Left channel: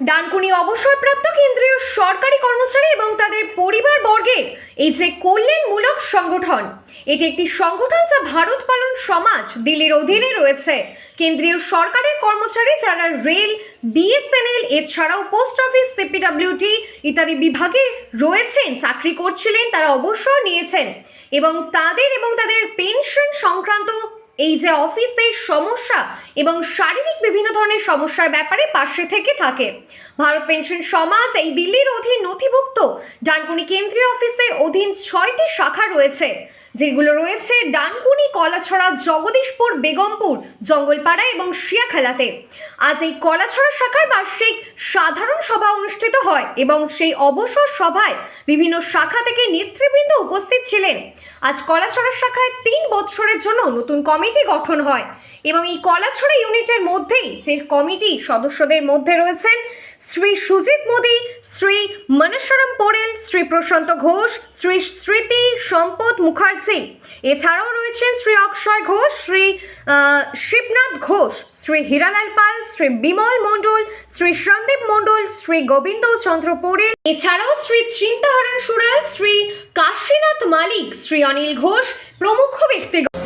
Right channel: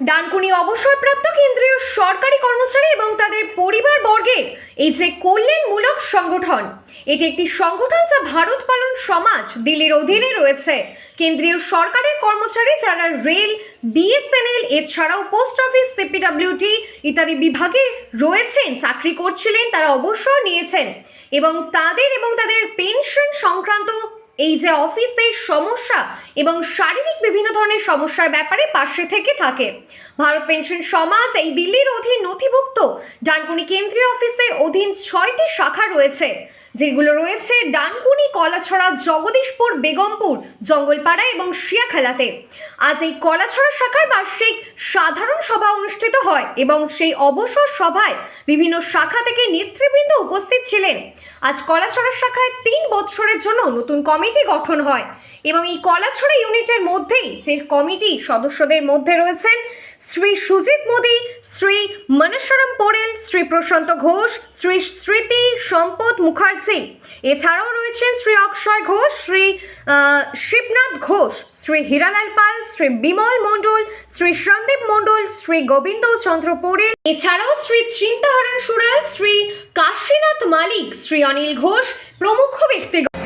ডানকুনি অবসরপ্রাপ্ত কেন্দ্রীয় সরকারি কর্মচারী এবং তাদের পরিবার বর্গের এই যে কল্যাণমূলক সংগঠন, এটি একটি সংগঠন যা ভারত পালন সমাজ দিল্লির অধীনে রয়েছে। কেন্দ্রীয় সরকারের কর্মচারী যারা রেল, বিএসএনএল, এছাড়াও পোস্ট অফিস সিপিডব্লিউটি ইত্যাদি বিভাগে রয়েছেন, চাকরি করছিলেন, তারা অবসর নিয়েছেন এবং তাদের এবং তাদের পেনশন সংক্রান্ত এই যে অফিসের সমস্যা এবং শারীরিক বিভিন্ন ধরনের সমস্যার ব্যাপারে পাশে থেকে থাকে। ভারত পেনশন সমাজ এই দিল্লির অধীন নথিভুক্ত। ডানকুনি কেন্দ্রীয় অফিসের অধীন ছয়টি শাখা রয়েছে। যেগুলো রয়েছে ডানকুনি, কলাছড়া, জগদীশপুর, বেগমপুর, জঙ্গলপাড়া এবং শিয়াখেলাতে। আজ এই কলাছড়া শাখার বার্ষিক সাধারণ সভা অনুষ্ঠিত হয় এবং সেই অবসর সভায় বিভিন্ন শাখা থেকে নেতৃবৃন্দ উপস্থিত ছিলেন। আজ কলাছড়া শাখায় তিন বছরের জন্য নতুন কমিটি গঠন হয় এবং এই কলাছড়া ইউনিটের মধ্যেই যে কমিটি সদস্যদের মধ্যে রয়েছেন শ্রী সুজিত মোদি, শ্রী মনেশ্বরম পোরেল, শ্রী প্রশান্ত ঘোষ, শ্রী স্মৃতি সম্পদ মুখার্জি। এছাড়াও রয়েছেন শ্রী অক্ষয় ঘোষ, শ্রী শিবনাথ ঘোষ, শ্রী হীরালাল পাল, শ্রী বিমল মণ্ডল, শ্রী সন্দীপ মণ্ডল, শ্রী গোবিন্দ চন্দ্র পোরেল। এছাড়াও শ্রী চিন্তাহরণ সুরাল, শ্রী কাশীনাথ মালিক, শ্রী অনিল ঘোষ প্রমুখ ব্যক্তিগণ।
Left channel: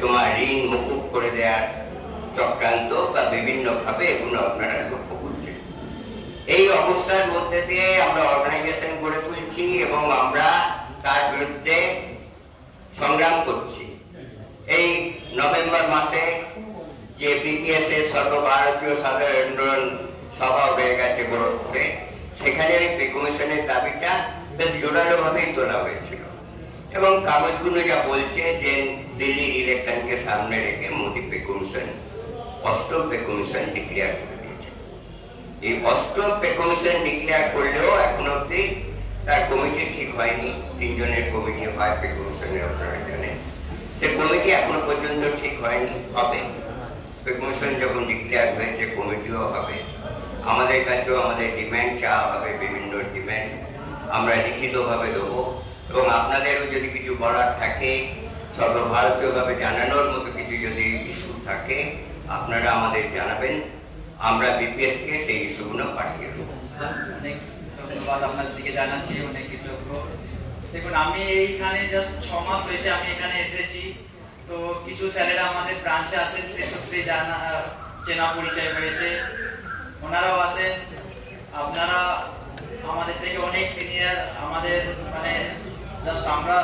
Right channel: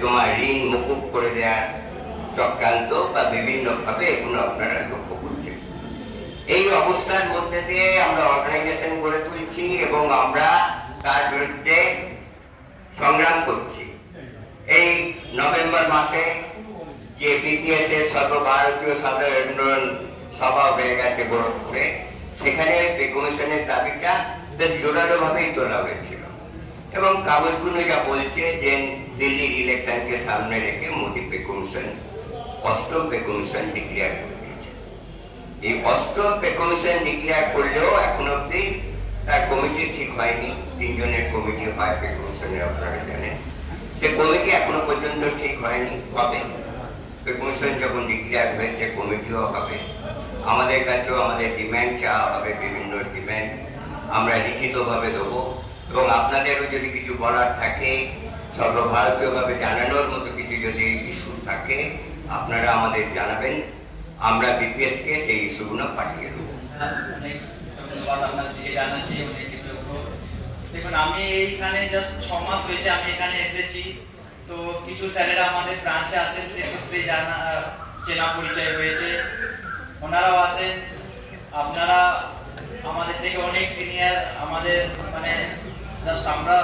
তোমার ঋণ মুকুব করে দেওয়ার চক্রান্ত বা বিভিন্ন ভাবে এগুলো আপনারা লক্ষ্য করছেন। এই অবস্থার মধ্যে দিয়ে আমরা অর্গানাইজেশন গড়ে তুলছি এবং আমরা তার বিরুদ্ধে সংগ্রাম করছি। এই নভেম্বর মাসে যে বিপিএস এর সর্বভারতীয় সাধারণ সভা হয়ে গেছে গোরখপুরে সেখানে ওই দাবিটা বেশ জোরালো ভাবেই তোলা হয়েছিল। এবং কাগজগুলো যা বলছে যে দিল্লি ইলেকশনকে সামনে রেখে মোদী পে কমিশন অষ্টম পে কমিশন ডিক্লেয়ার করে দিয়েছে। এই অষ্টম পে কমিশন ডিক্লেয়ার করলেও এখন অব্দি তার কমিটি ঠিক হয়নি। তিনজনের কমিটি হয় পে কমিশনের আপনারা জানেন। সে কমিটি এখনও পর্যন্ত ঠিক হয়নি। হবে। পে কমিশন যখন ডিক্লেয়ার হয়েছে কমিটিও হবে। আমাদের কাছেও আমাদের ডিম্যান্ড চাওয়া হবে, বিভিন্ন ডিম্যান্ড আমরা লিখিতভাবে দেবো। এবং আপনাদেরও যদি কিছু বলার থাকে, সর্বভারতীয়ভাবে জানানোর মতো কিছু যদি ইস্যু থাকে, আপনারা আমাদের জানাবেন। আমরা বিপিএস কে সেই ইস্যুগুলো পাঠিয়ে দেবো। দেখুন, আমি এইখানে জাস্ট ছ মাস হয়েছে আমি এখানে এসেছি। তো কিছু স্যারেরা আমাদের ব্রাঞ্চে আসেন সে সূত্রে জানা, চেনা পরিচয় হয়েছে। ওনারাও আসেন আপনারা আমাদের থেকে অনেক সিনিয়র আমাদের মানে জাস্ট আমরা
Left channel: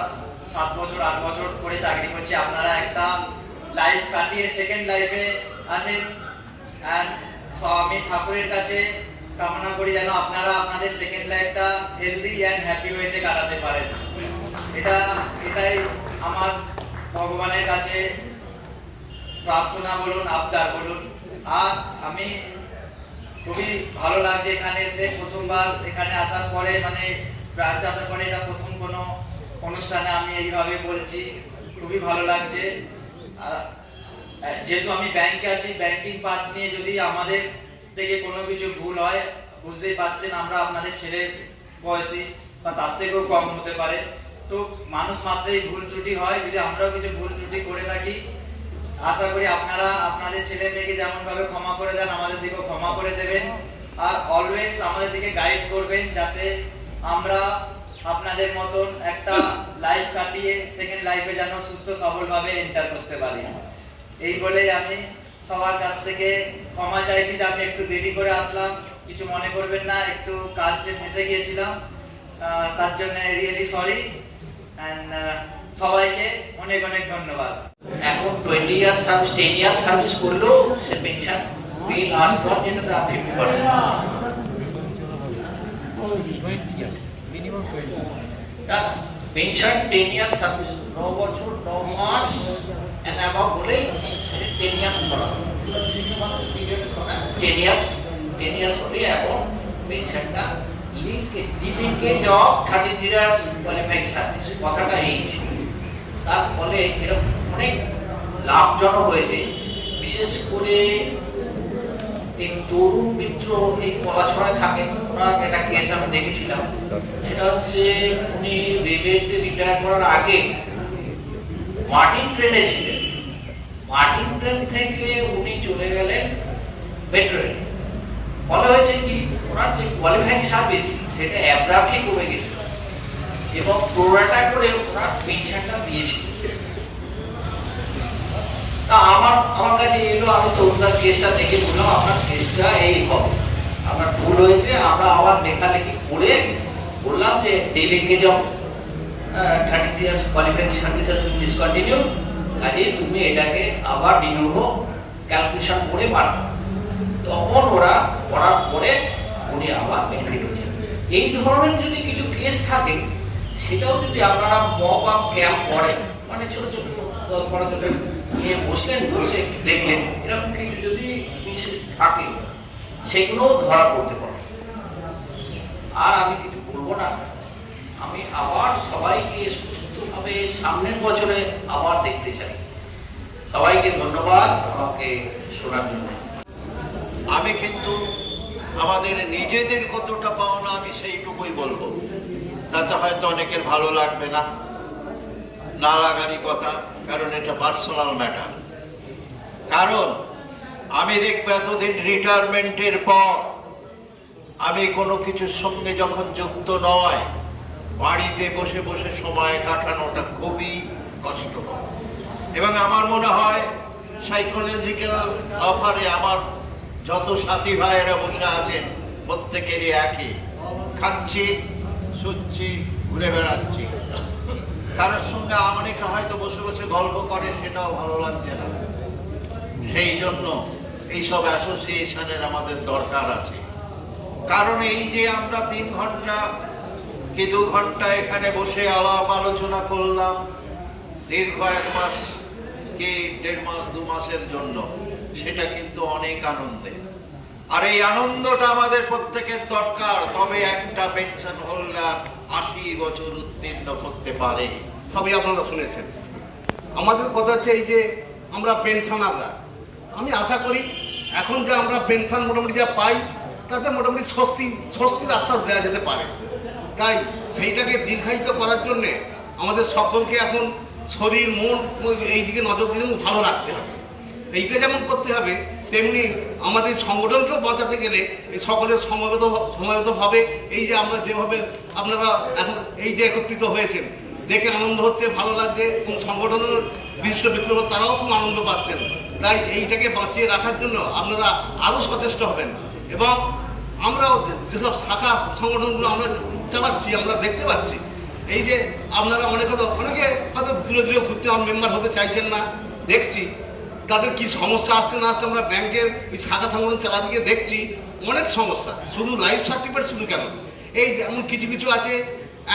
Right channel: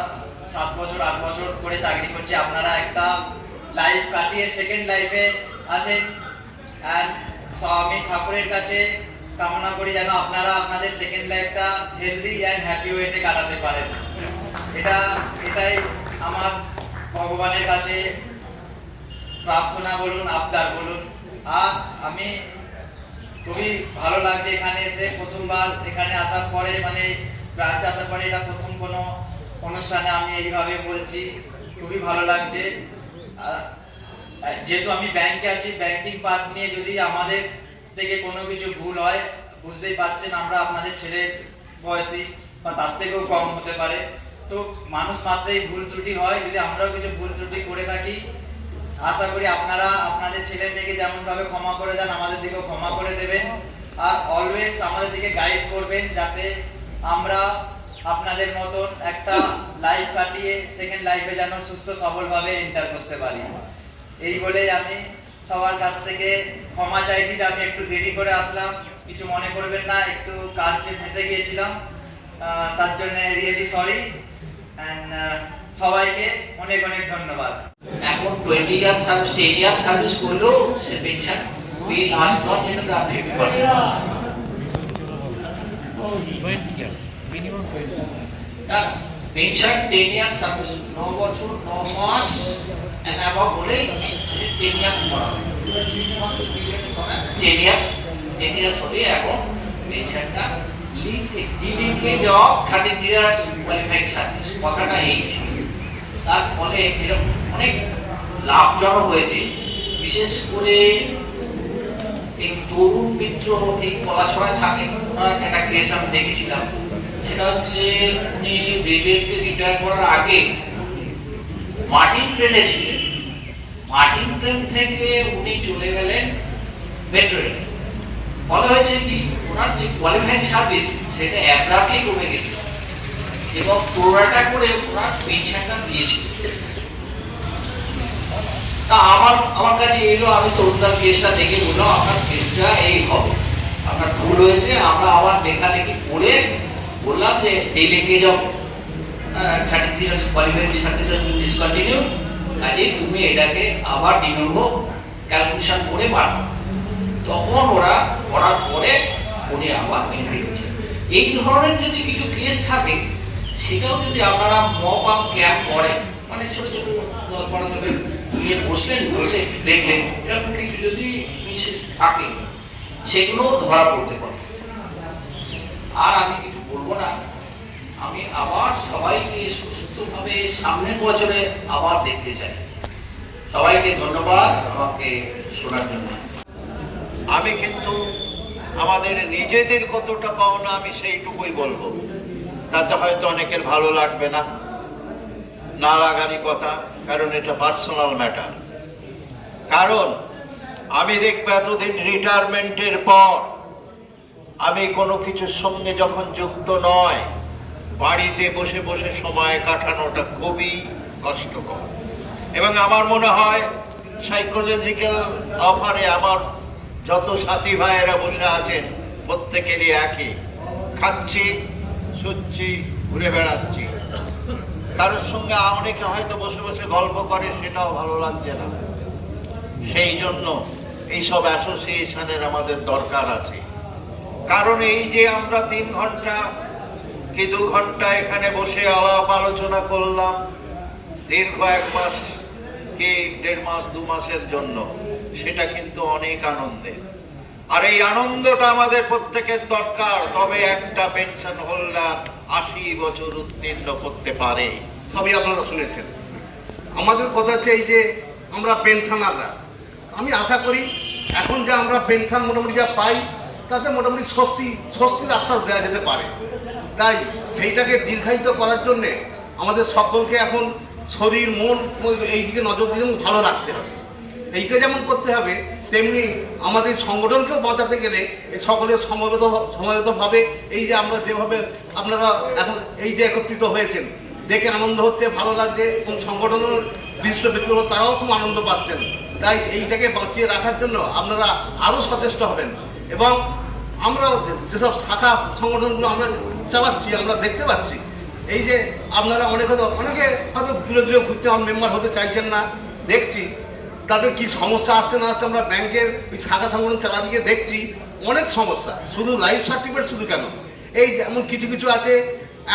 সাত বছর, আট বছর করে চাকরি করছি। আপনারা একটা লাইফ কাটিয়ে সেকেন্ড লাইফে আছেন অ্যান্ড স্বামী ঠাকুরের কাছে কামনা করি যেন আপনারা আপনাদের সেকেন্ড লাইফটা হেলদি অ্যান্ড হ্যাপি ওয়েতে কাটাতে পারেন। এটা, এটাই আমার ভগবানের কাছে প্রার্থনা বলুন, আবদার বলুন। আর আমি খুবই ভালো লাগছে এখানে এসে প্রথমবার এখানে আসার পরে মানে ব্রাঞ্চে আসার পরে এটা প্রথম কোনো অনুষ্ঠানে আমি এইভাবে বলছি, খুবই ভালো লাগছে। যেহেতু আমি ব্যাংকে আছি, ব্যাংকিং পার্ট নিয়ে যদি আমাদের থেকে কোনো কিছু ভুল হয়, বুঝতেই পারছেন আমরা আপনাদের ছেলে বয়সী বা তার থেকেও কম হতে পারে। তো মানুষ মাত্রই ভুল ত্রুটি হয়, যদি আমরাও কিছু ভুল ত্রুটি করে থাকি, আশা করি আপনারা আপনাদের ছেলে মেয়েকে যেমনভাবে ক্ষমা করে দেন, আমাদের দিকেও ক্ষমা করে দেবেন। আর অলওয়েজ আমাদের দিকে গাইড করবেন, যাতে আমরা আপনাদের মতন একটা লাইফ কাটিয়ে সেকেন্ড লাইফে যেন সুস্থ সবলভাবে এন্টার করতে পারি। এই বলেই আমি সবার কাছ থেকে ক্ষমা চাইছি যে আমি একটু দেরি করে আসলাম। কিছু মনে করবেন না একটু কাজে ফেসে গিয়েছিলাম। তার জন্য রিয়েলি সরি অ্যান্ড সবাইকে অনেক অনেক ধন্যবাদ। এখন twenty year service ten year service করলেও সে পেনশন বিল পর যেটা তার fifty percent pension ten year service ন বছর, ন মাস এন্ড অ্যাবাভ হলে টেন ইয়ার্স করা সিক্স মান্থ পিরিয়ড করা টেন ইয়ার্স টেন ইয়ার্স হলে এখন পেনশনটা linkage of thirty years qualified service কথাটা এই। তার ফলে এরকম অনেক লাভজনক হয়েছে। বিশেষ করে এই তরুণ মিত্র এই পলাশপাড়ায় থাকেন। ওনার একটা কেস আমি দেখেছিলাম। সেটা হচ্ছে উনি রেলওয়েতে রিটায়ার করার আগে মার্টিন ট্রেনে ছিলেন। মার্টিন ট্রেন থেকে উনি চলে গেলেন মেট্রো ফলে হয়েছে কি ওনার যে কোয়ালিফাইং সার্ভিস সেটা অ্যাব্রাপ্টলি কমে গেছে এবং প্রোরাটা করে ওনার পেনশনটা দিয়েছিল। তা আমার আমার কাছে এলো আমি তো ওনার কেসটা দেখে বললাম আপনার কেসটা এই হবে। ভুল হয়েছে, আমরা আবার লেখালেখি করে বললাম যে এই যাও thirty three years qualifying services discontinue কাজে তুমি এটাকে আবার ডিনোভো ক্যালকুলেশন করে বার তখন ওরা করার পরে উনি আবার বেনিফিট হয়েছে এই ধরনের যদি কিছু কেস থাকে, সেটাও যদি আপনারা মপ আপ ক্যাম্প করেন মানে ছোট ছোট বারো নিয়ে বসলেন, বসে দেখলেন, এরকম কিছু যদি বিশেষ থাকে সেগুলো ধরা পড়তে পারে। আর আমি কিছু বলব না। আমি আবার সবাইকে সুস্থভাবে সামনের বছরে আবার দেখতে চাই। সবাইকে ধন্যবাদ আমাকে শোনার জন্য। আমি কিন্তু আমাদের নিজেদের কতটা পাওনা আমি সেইটুকুই বলব। তাতে হয়তো অনেকের ভালো লাগবে না না লাগারই কথা, কারণ এটা পার্সোনাল ম্যাটার কারণ আমি দেখব এতদিন রিটায়ারমেন্টের পর আমি কোনো কিছুর সঙ্গে যখন যুক্ত নয়, বাড়িতে বসে বসে সময় কাটানোটা খুবই কষ্টকর। এবং আমার মনে হয় সাইকোলজিক্যাল অফারে আমার যত সাথী ভাইয়েরা বসে আছেন, প্রত্যেকেরই একই। খাচ্ছি, শুচ্ছি, ঘুরে বেড়াচ্ছি। কারোর সঙ্গে অনেকে হয়তো বসে বসে গল্প করে, সেটাও ভালো লাগছে না। সেই জন্য এইসব অ্যাসোসিয়েশনের আমাদের দরকার আছে। কারণ এই যে আমরা তিন ঘণ্টা কি দু ঘণ্টা এখানে বসে আলাপ আলোচনা করলাম, দীর্ঘ এক মাস কি দেড় মাস, দু মাসের জন্য, সেটা কিন্তু অনেক আনন্দের। আর এই আনন্দটা আমাদের প্রত্যেকের দরকার, তবে একটা পেনশন হোল্ডার আশি বছর উত্তীর্ণ করতে পারে। সবই আপনারা শুনেছেন। আমাদের কথা হচ্ছে এই যে আমরা পেনশনাররা আমি আশা করি এখন যে আমরা পেনশন মোটামুটি যা পাই, তাতে মোটামুটি স্বস্তি, স্বস্তির আশ্বাস দেওয়া যেতে পারে। তাই সেইটাকে দীর্ঘায়িত করার জন্যে আমাদের সকলকে এখন শরীর, মন এই দিকে নজর দিয়ে ভালো রাখতে হবে। এইটা যেমন করতে হবে, তেমনি আমাদের সংগঠনকেও বাঁচাতে গেলে এই সকলের সমবেত, সমবেতভাবে এই যে আমরা যেভাবে আপনারা এখন এই যে একত্রিত হয়েছেন দেখে আনন্দ হচ্ছে, ভালো লাগছে, এবং সংগঠনের ব্যক্তিরা তারাও খুব আনন্দ পাচ্ছেন। তাই এইটাকে বাঁচিয়ে রাখার জন্য আপনারা আরও সচেষ্ট হবেন। এবং আমরাও যেসব শাখা, সংগঠনগুলো আমরা চালাচ্ছি, আমরা দেখতে পাচ্ছি, এই যে আপনারা অনেক হয়তো অনেকে হয়তো ধীরে ধীরে ঘুরছেন মেম্বার হতে চাইছেন না, দেখছি। তাদের কি সমস্যা আসছে না আসছে আমরা ব্যাংকের এই শাখা, সংগঠন চালাতে গিয়ে দেখছি। অনেক সমস্যা, শুধু লাইফ সার্টিফিকেট শুধু কেন এই যেমন কিছু কিছু আছে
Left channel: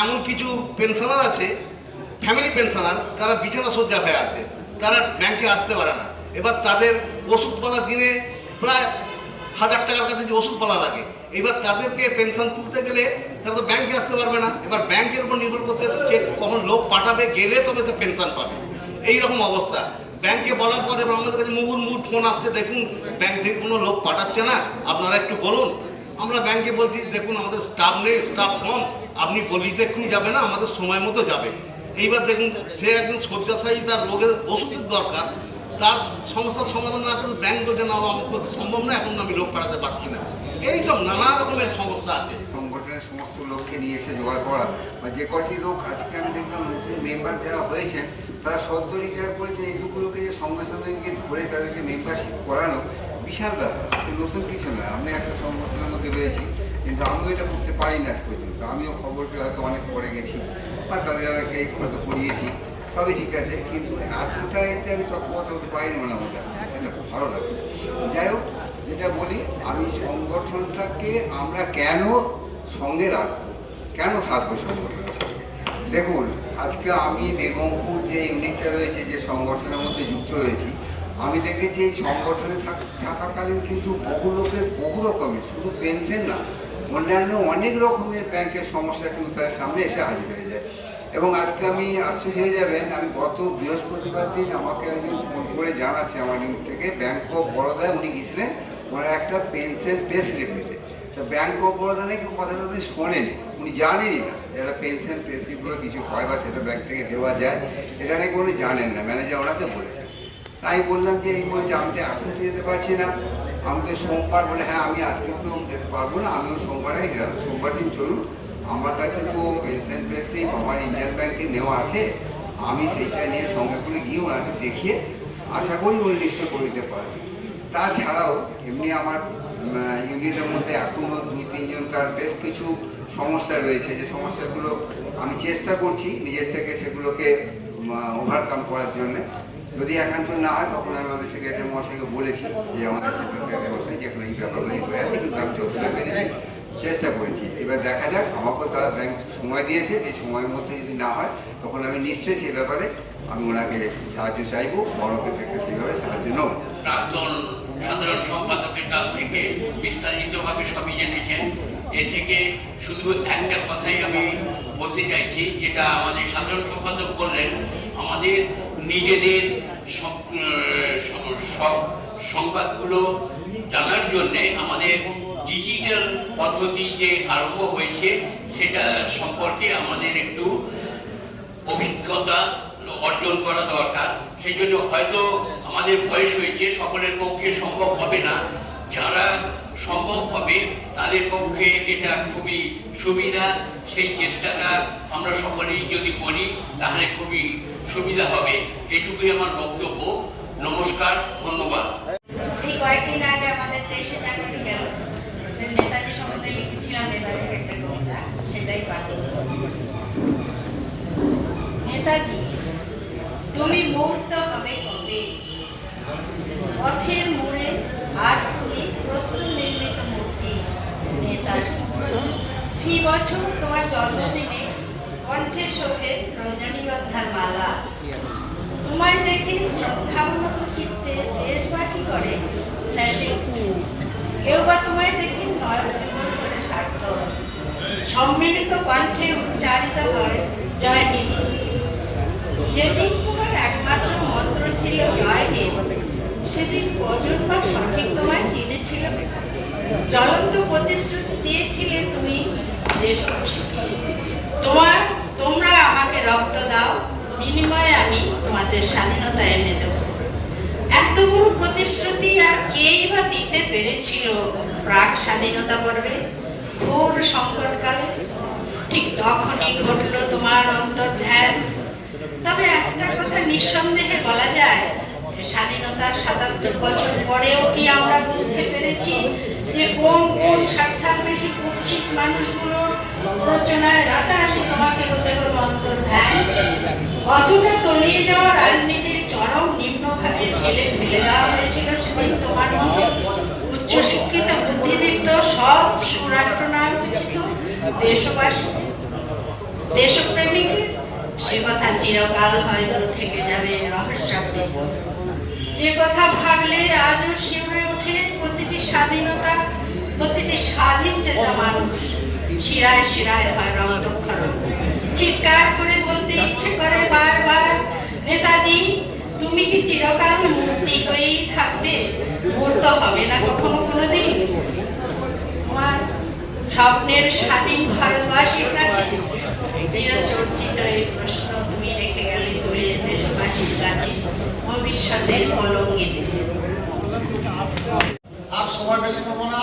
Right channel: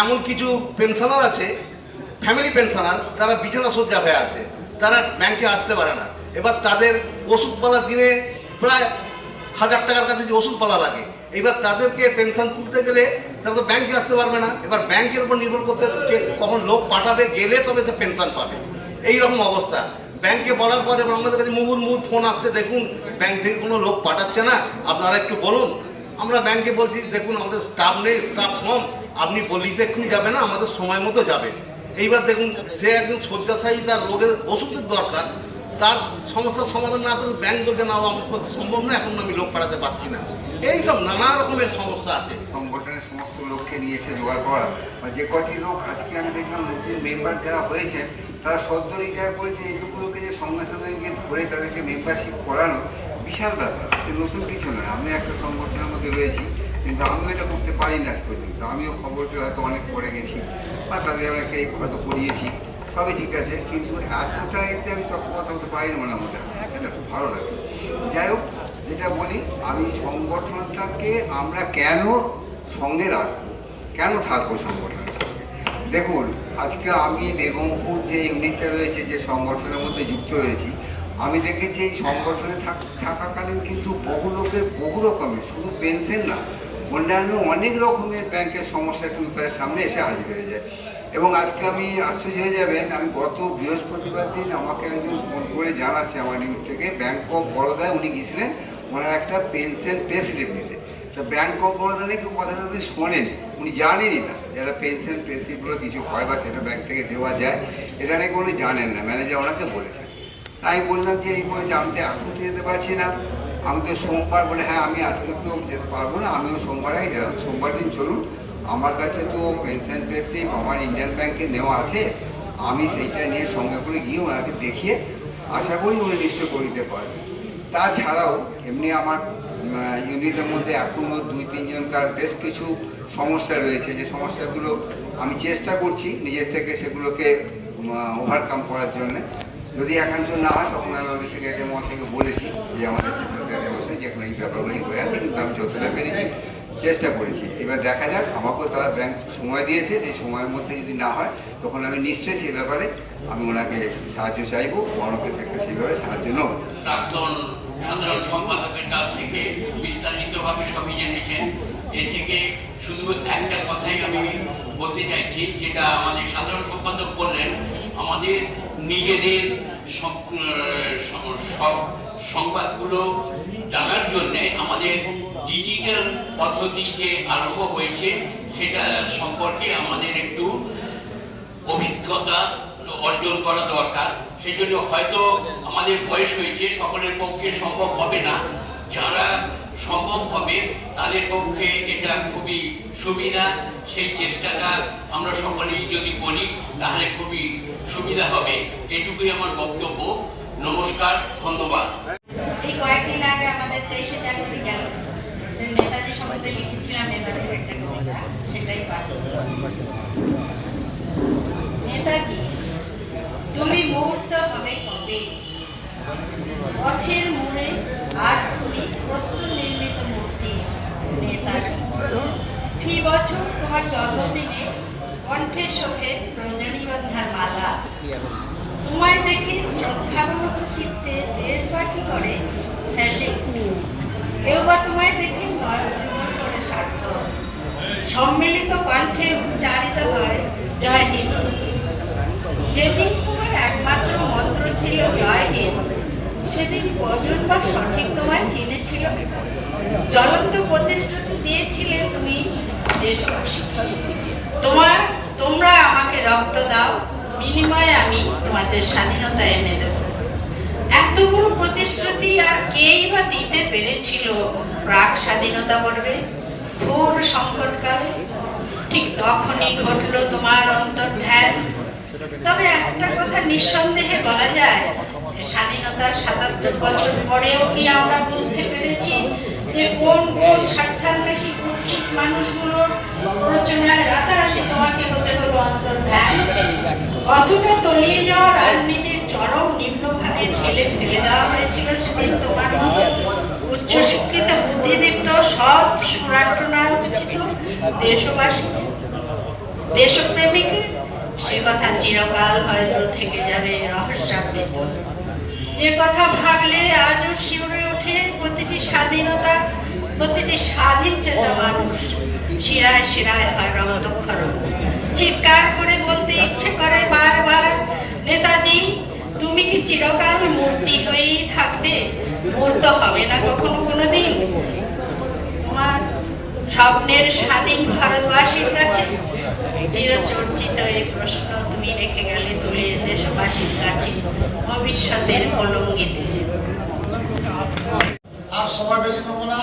এমন কিছু পেনশনার আছে ফ্যামিলি পেনশনার তারা বিছানা সজ্জা হয়ে আছে। তারা ব্যাংকে আসতে পারে না। এবার তাদের ওষুধপালা দিনে প্রায় হাজার টাকার কাছে যে ওষুধপালা লাগে, এবার তাদেরকে পেনশন তুলতে গেলে তারা তো ব্যাংকে আসতে পারবে না। এবার ব্যাংকের উপর নির্ভর করতে হচ্ছে কখন লোক পাঠাবে, গেলে তবে সে পেনশন পাবে। এই রকম অবস্থা ব্যাংকে বলার পরে আমাদের কাছে মুহুর মুহুর ফোন আসতে দেখুন ব্যাংক থেকে কোনো লোক পাঠাচ্ছে না। আপনারা একটু বলুন। আমরা ব্যাংকে বলছি, দেখুন, আমাদের স্টাফ নেই স্টাফ কম। আপনি এক্ষুনি যাবে না, আমাদের সময় মতো যাবে। এইবার দেখুন, সে একজন শয্যাশায়ী, তার রোগের ওষুধের দরকার। তার সমস্যার সমাধান না করে ব্যাংক বলছে না আমার পক্ষে সম্ভব না, এখন আমি লোক পাঠাতে পারছি না। এইসব নানা রকমের সমস্যা আছে। সংগঠনের সমস্ত লোককে নিয়ে এসে জোগাড় করা। যে কটি লোক আজকে আমি দেখলাম, নতুন মেম্বার যারা হয়েছেন, তারা সদ্য রিটায়ার করেছে এইটুকু লোকে যে সঙ্গে সঙ্গে ধরে তাদেরকে মেম্বারশিপ করানো বিশাল ব্যাপার। নতুন কিছু নয়, আমি একটা সংগঠনের মধ্যে রয়েছি। কিন্তু আমিও এটা করতে পারি না আজ পর্যন্ত। আমিও খবর পেয়ে হয়তো অনেক পরে গেছি, বা তাদের অনেকে হয়তো করিয়েছি সবই ঠিক আছে, কিন্তু এতটা এতে আমি তৎপরতা হতে পারি না মনে মধ্যে সেটা খুব ভালো লাগে। যাই হোক, যেটা বলি, আমি সংগঠনটাকে আমরা কেন সঙ্গে রাখব? কেন থাকব সংগঠনের সঙ্গে? দেখুন, আজকে আমি বেগমপুর যে ইউনিটটা রয়েছে, যে সংগঠনের মধ্যে যুক্ত রয়েছি, আমি দেখেছি এই সংগঠনে থাক- থাকাকালীন কিন্তু বহু লোকের বহু রকমের, শুধু পেনশন না অন্যান্য অনেক রকমের ব্যাংকের সমস্যা কিন্তু তার সামনে এসে হাজির হয়ে যায়। এবং আজকে আমি আশ্চর্য হয়ে যাবেন, আমি গত বৃহস্পতিবার দিন আমাকে একজন ফোন করে জানাচ্ছে আমার ইউনিট থেকে ব্যাংক অফ বরোদায় উনি গেছিলেন ওনার একটা পেনশন পে স্লিপ নিতে তো ব্যাংক অফ বরোদা নাকি কথাটা উনি শোনেন, উনি জানেনই না, যারা পেনশন পে স্লিপগুলো কিছু হয় বা সেটা ব্যাংক থেকে দেওয়া যায়, এটা নাকি উনি জানেন না ম্যানেজার ওনাকে বলেছেন। তাই বললাম যে এই বলেছে আমি তো যেতে পারছি না। আমাকে সোমবার বলে হ্যাঁ আমি আজকে তো যেতে পারব না, আমিও সোমবার সোমবার দিন চলুন। আমার কাছে তো পেনশন পে আমার ইন্ডিয়ান ব্যাংকে নেওয়া আছে, আমি সেইটা নিয়ে সঙ্গে করে গিয়ে ওনাকে দেখিয়ে আশা করি উনি নিশ্চয় করে দিতে পারবেন। তাছাড়াও এমনি আমার ইউনিটের মধ্যে এখনও দুই, তিনজনকার বেশ কিছু সমস্যা রয়েছে, যে সমস্যাগুলো আমি চেষ্টা করছি নিজের থেকে সেগুলোকে ওভারকাম করার জন্য। যদি একান্ত না হয়, তখন আমি সেক্রেটারি মহাশয়কে বলেছি যে আমাদের সেক্রেটারি মহাশয় যেখানে এই ব্যাপারগুলি হয়ে আছে কিন্তু আমি যতটা পেরেছি চেষ্টা করেছি। এবার দেখা যাক, আমাকেও তারা ব্যাংক সময় দিয়েছে সেই সময়ের মধ্যে যদি না হয়, তখন আমি নিশ্চয়ই সেই ব্যাপারে আমি ওনাকে সাহায্য চাইব, বড়কে সেইভাবে সাহায্য নেব। প্রাক্তন সাধারণ সম্পাদকের কাছ থেকে বিস্তারিতভাবে সবই জেনেছেন। এ থেকে শুধু একটা কথাই আমি বলতে চাইছি, যেটা আমাদের সাধারণ সম্পাদক বললেন, আমাদের নিজেদের সংবাদগুলো জানার জন্যে আমাদের ডিজিটাল পদ্ধতি যে আরম্ভ হয়েছে, সেটা সম্পর্কে আমাদের একটু অভিজ্ঞতা অর্জন করা দরকার। সেই জন্য হয়তো আমাদের বয়স হয়েছে, সকলের পক্ষে সম্ভব হবে না। যারা সম্ভব হবে, তাদের পক্ষে এটা খুবই সুবিধা। সেই চেষ্টাটা আমরা সকলেই যদি করি, তাহলে খুবই সুবিধা হবে। এটুকুই আমার বক্তব্য। নমস্কার, ধন্যবাদ এই কয়েকদিন আগে আমাদের তেইশে জানুয়ারি গেল নেতাজি সম্বন্ধে লিখেছিলাম এবারে একটা কবিতা সেটাই পাঠ করব। নেতাজি তুমি মুহূর্ত হবে কবে পথের জ্বলন্ত প্রতিশ্রুতি দিয়েছিলে তুমি দেশবাসী তোমার, তোমরা আমাকে রক্ত দাও, বিনিময়ে আমি তোমাদের স্বাধীনতা এনে দেব। এত প্রতিশ্রুতি আর কেই বা দিতে পেরেছিল? প্রাক স্বাধীনতা পর্বে, ঘোর সংকটকালে। ঠিক তখনই ঘটলো তোমার অন্তর্ধ্যান তবে একটা কথা নিঃসন্দেহে বলা যায়, স্বাধীনতার সাতাত্তর বছর পরেও কি আমরা বুঝতে পেরেছি যে কোন কোন স্বার্থান্বেষী কুৎসিত মানুষগুলোর প্ররোচনায় রাতারাতি তোমাকে হতে হলো অন্তর্ধান কতটা তলিয়ে যাওয়া রাজনীতির চরম নিম্নখানে ঠেলে ফেলে দেওয়া হয়েছিল সেদিন তোমার উচ্চশিক্ষিত বুদ্ধিদীপ্ত, সৎ সুরাষ্ট্রনায়ক উচিত দেশবাসী। দেশপ্রেমিকের সে কথা চিরকাল হয়তো থেকে যাবে রহস্যাবৃত। যে কথা ভাবলে আজও শিউরে ওঠে প্রতিটি স্বাধীনতা প্রতিটি স্বাধীন চেতা মানুষ, শিরায় শিরায় হয় রক্তক্ষরণ। চিৎকার করে বলতে ইচ্ছে করে বারবার, নেতাজি, তুমি কি চিরকাল মূর্তি হয়েই থাকবে? মূর্ত হবে না কখনো কোনোদিন? তোমার স্বপ্নের স্বাধীন ভারতবাসীর কাছে চিরচর্চিত এই প্রশ্ন, তুমি রেখে গেলে তুলে দেশবাসীর কাছে ভবিষ্যতের কলঙ্কিতে। সময় বেশি নেব না।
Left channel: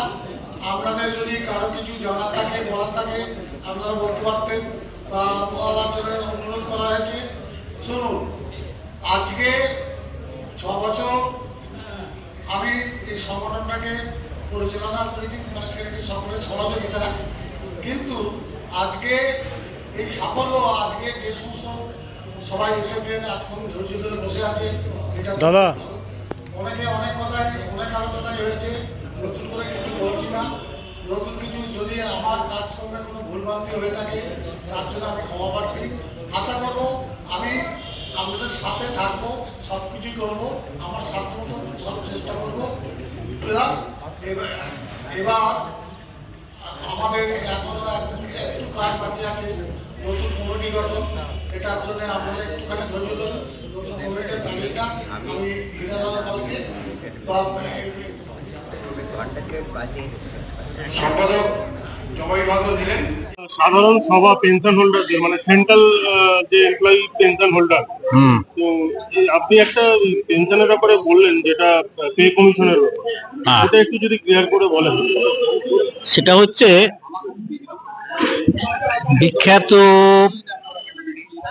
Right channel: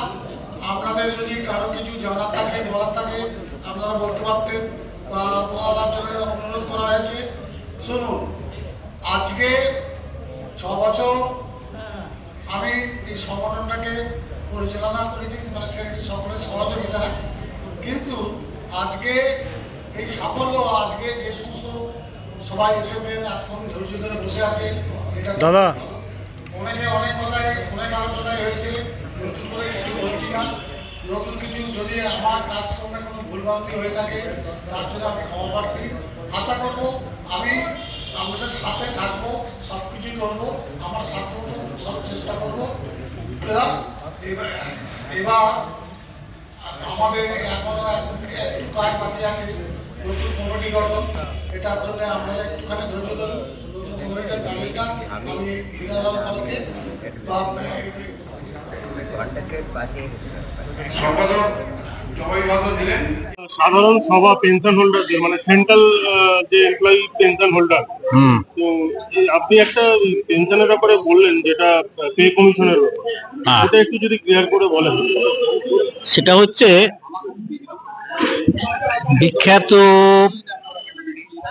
আপনাদের যদি কারও কিছু জানার থাকে বলার থাকে আপনারা বলতে পারতেন বা বলার জন্য অনুরোধ করা হয়েছে। শুনুন আজকে ছ বছর আমি এই সংগঠনটাকে পরিচালনা করেছি মানে সেটি সকলের সহযোগিতা। কিন্তু আজকে এই সাফল্য আজকে যে সমস্ত সবাই এসেছেন আজকে ধৈর্য ধরে বসে আছে এটা দাদা। অনেকে অনেক কথাই অনেক আলোচনাই হয়েছে। নতুন করে কিছু বলছি না নতুন কিছু যদি আমার কাজকর্মে কোনো ভুলভ্রান্তি হয়ে থাকে তার জন্য আমি ক্ষমা প্রার্থী আশা করব আমি আপনাদের সাথে থাকব সব কিছুই করব আমার সাধ্য মতো সব চেষ্টা করব প্লাস এবার আমাদের এখনও এক- একটু কাজ বাকি আছে নতুন কমিটি গঠন এটার জন্য আপনারা একটুখানি ধৈর্য ধরুন নতুন কমিটির তালিকা আমি বিধানসভা কালকে বা সাধারণ সভা পেনশন হোল্ডার মানে সেন্ট্রাল যে এমপ্লয়ি পেনশন হোল্ডার তো আপনি একটা পেনশনের ব্যাপারে বললেন যেটা পে কমিশনের ব্যাপার। হ্যাঁ। ওটা একটু যদি ক্লিয়ার করে বলেন। সেটা হচ্ছে বিখ্যাত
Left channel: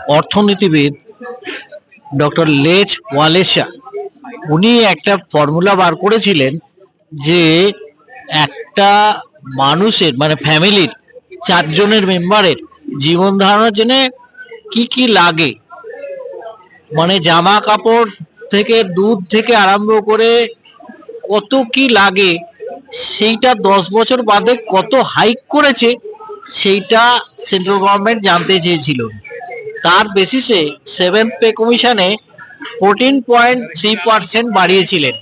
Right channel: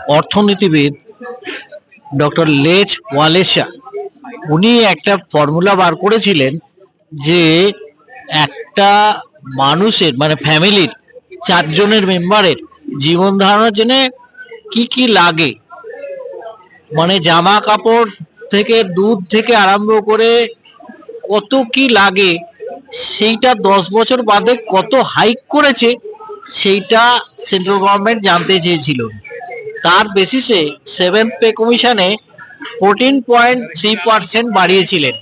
অর্থনীতিবিদ ডক্টর লেচ ওয়ালেসা উনি একটা ফর্মুলা বার করেছিলেন যে একটা মানুষের মানে ফ্যামিলির চারজনের মেম্বারের জীবন ধারণের জন্য কি কি লাগে? মানে জামা কাপড় থেকে দুধ থেকে আরম্ভ করে কত কি লাগে? সেইটা দশ বছর বাদে কত হাইক করেছে? সেইটা সেন্ট্রাল গভর্নমেন্ট জানতে চেয়েছিল। তার বেসিসে সেভেন্থ পে কমিশনে ফোরটিন পয়েন্ট থ্রি পার্সেন্ট বাড়িয়েছিলেন।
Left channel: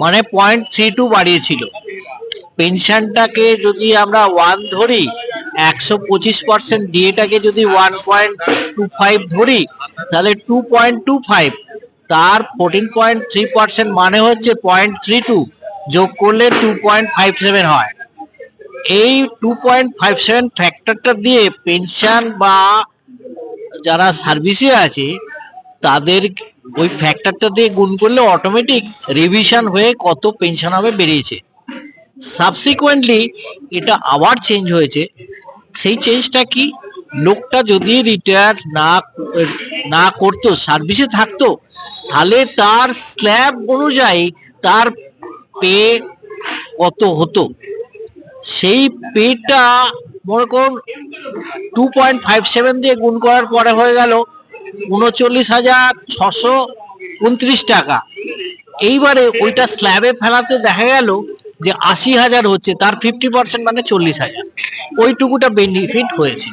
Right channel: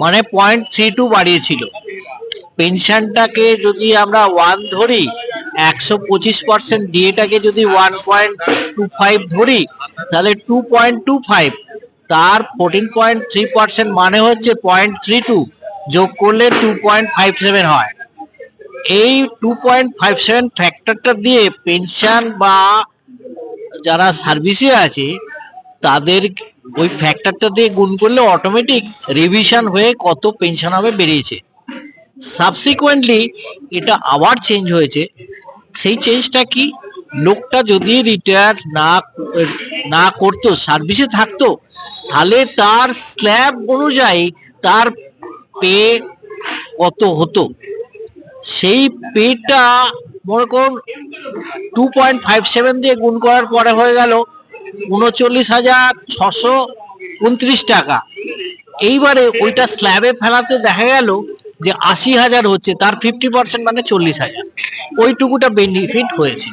মানে পয়েন্ট থ্রি টু বাড়িয়েছিল। পেনশনটাকে যদি আমরা ওয়ান ধরি, একশো পঁচিশ পার্সেন্ট ডিএটাকে যদি ওয়ান পয়েন্ট টু ফাইভ ধরি, তাহলে টু পয়েন্ট টু ফাইভ তার ফোরটিন পয়েন্ট থ্রি পার্সেন্ট মানে হচ্ছে পয়েন্ট থ্রি টু যোগ করলে টু পয়েন্ট ফাইভ সেভেন হয়। এই টু পয়েন্ট ফাইভ সেভেন ফ্যাক্টরটা দিয়ে পেনশন বা যারা সার্ভিসে আছে, তাদের ওই ফ্যাক্টরটা দিয়ে গুণ করলে অটোমেটিক রিভিশন হয়ে কত পেনশন হবে বেরিয়েছে। সাবসিকুয়েন্টলি এটা আবার চেঞ্জ হয়েছে। সেই চেঞ্জটা কি? লোকটা যদি রিটায়ার না না করতো সার্ভিসে থাকতো, তাহলে তার স্ল্যাব অনুযায়ী তার পে কত হতো? সেই পেটা মনে করুন টু পয়েন্ট ফাইভ সেভেন দিয়ে গুণ করার পরে হয়ে গেল উনচল্লিশ হাজার ছশো উনত্রিশ টাকা। এইবারে ওইটা স্ল্যাবে ফেলাতে দেখা গেল যে আশি হাজার হচ্ছে, তার ফিফটি পার্সেন্ট মানে চল্লিশ হাজার। ওইটুকুটা বেনিফিট হয়েছে।